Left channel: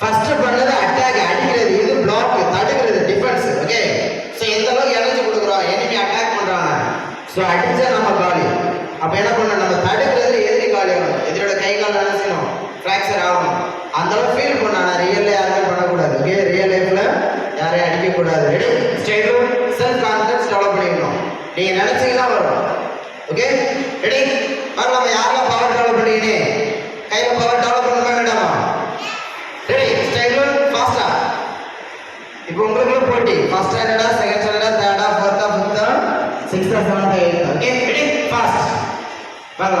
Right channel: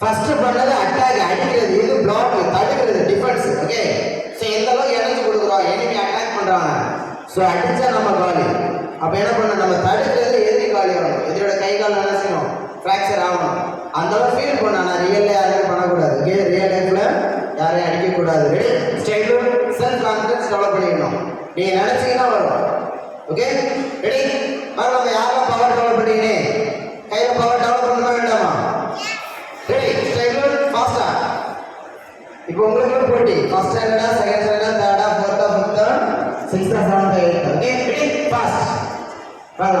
ஃபர்ஸ்ட் பண்ணது அட்டாக், அடிக்கிறது, இது பிளாக், தடுக்கிறது, டிஃபென்ஸ். ஓகே, சோ எந்த அளவுக்கு எனர்ஜி கொடுக்குறோம், எனிமி அட்டாக் பண்றாங்க, சோ அடிச்சா நம்ம காலி. அப்ப என்ன பண்ணணும், நம்ம தடுக்கிறதுல எதிரி காலி ஆகணும், எதிரியோட கை கால் என்ன செய்யணும், ஃப்ராக்சர் ஆகணும். அந்த அளவுக்கு ஃபீல் பண்ணணும். ஆனா ரியல்ல யாருமே பண்ணக்கூடாது. ஓகே, ரியல் லைஃப்ல யாரையும் அடிக்க கூடாது. Ready, state self confidence develop பண்ணிக்கணும். நீங்க நினைச்சீங்கன்னா வரும். ஓகே, ரெடி, வாங்க நம்ம யாரெல்லாம் பவர் டெவலப் பண்ணிக்கினே கையில பவர் டெவலப் பண்ண வேண்டாமா? ரெடி, ஸ்டேட் ஃபாஸ்டா. இப்போ உங்களுக்கு போட்டி, ஃபர்ஸ்ட் ஸ்டாண்டர்டா, செகண்ட் ஸ்டாண்டர்டா, தேர்டா, ஃபோர்த்தா, ஃபிஃப்த்தா, சிக்ஸ்த்தா, செவன்த்தா, எயித்தா. ஓகே, ரெடி, ஃபாஸ்ட் வாங்க.